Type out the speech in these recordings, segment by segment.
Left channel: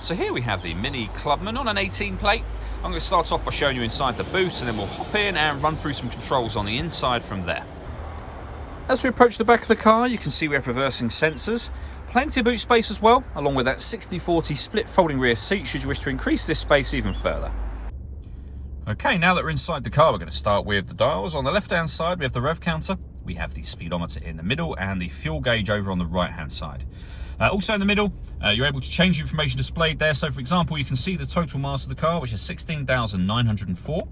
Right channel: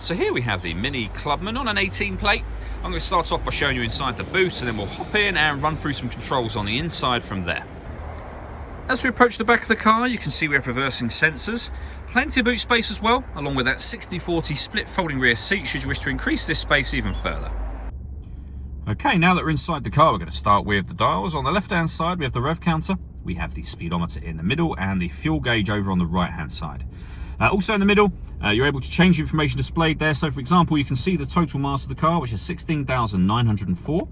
So here we have the Mini Clubman on an 18 plate. I'm going to start off by showing you inside the boot, and then we'll hop in and run through some controls on the inside from there. As we approach the back of the car, you can see we have reversing sensors, plenty of boot space as well, along with that 60/40 split folding rear seat should you wish to increase this space even further. Okay, now that we're inside the car, we're going to start with the dials. On the left-hand side, we have the rev counter, we have the speedometer in the middle, and the fuel gauge over on the right-hand side. Also in the middle, you're able to change the information displayed there. So for example, you can see the total mass of the car, which is 16,904.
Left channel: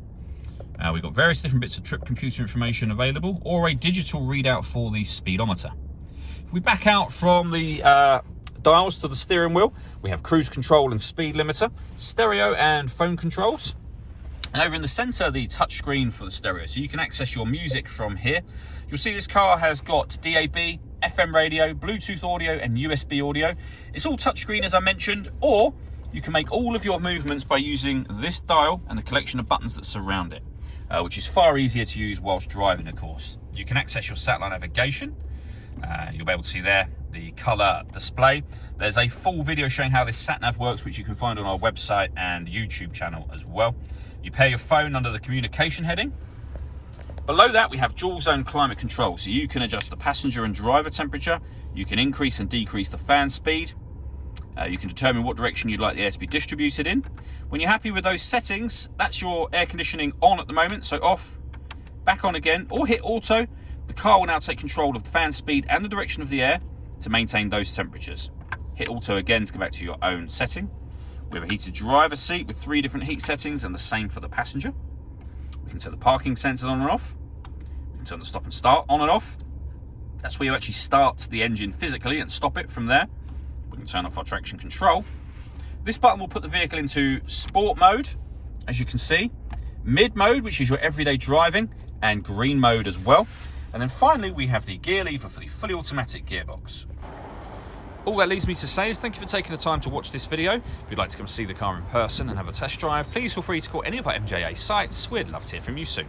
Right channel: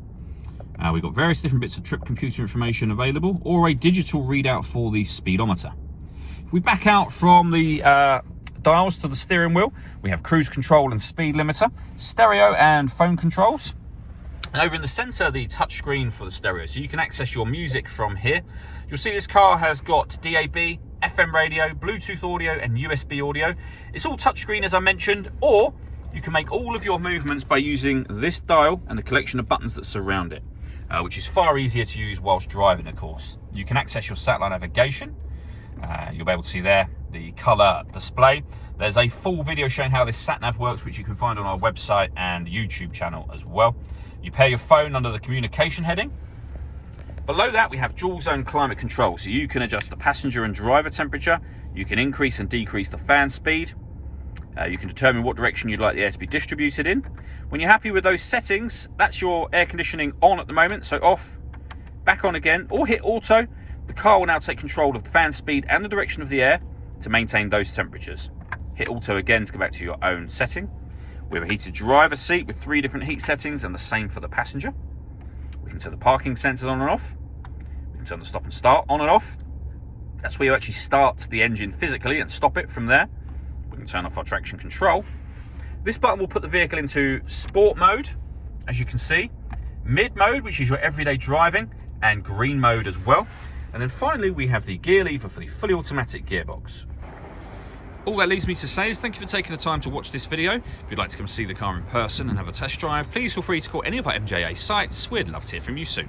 We've got various different bits of trip computer information available, or a digital readout for the speedometer. If we back out from the dials to the steering wheel, we have cruise control and speed limiter, stereo and phone controls. And over in the center, the touch screen for the stereo, so you can access your music from here. You'll see this car has got DAB, FM radio, Bluetooth audio and USB audio. It's all touchscreen as I mentioned, or you can make all of your movements by using this dial and the collection of buttons that surround it, which is far easier to use whilst driving, of course. You can access your satellite navigation. You'll be able to see there the colour display. There's a full video showing how this sat-nav works, which you can find on our website and YouTube channel as well. You pair your phone under the communication heading. Below that, we have dual zone climate control, so you can adjust the passenger and driver temperature. You can increase and decrease the fan speed. You can determine what direction you'd like the air to be distributed in. When you're happy with those settings, that's your air conditioning on at the moment, so off, back on again, or hit auto. The car will now take control of the fan speed and the direction of the air to maintain those temperatures. Hit auto again to go back to your own setting. We have a heated driver seat with 3 different heat settings, and the same for the passenger. We can turn the parking sensors on and off. We can turn the stop and start on and off. That's where you actually start the engine physically and stop it from there. We can turn off our traction control. This button will put the vehicle into sport mode, as you can see, mid mode, which is your everyday driving, and green mode as well. And then finally, we have the gear lever for the fully automatic gearbox. All that leaves me to say is thank you for taking the time to watch this video. If you'd like to come see the car in person and have a test drive, please feel free to call any of our MJA sites. We'd love to hear from you soon.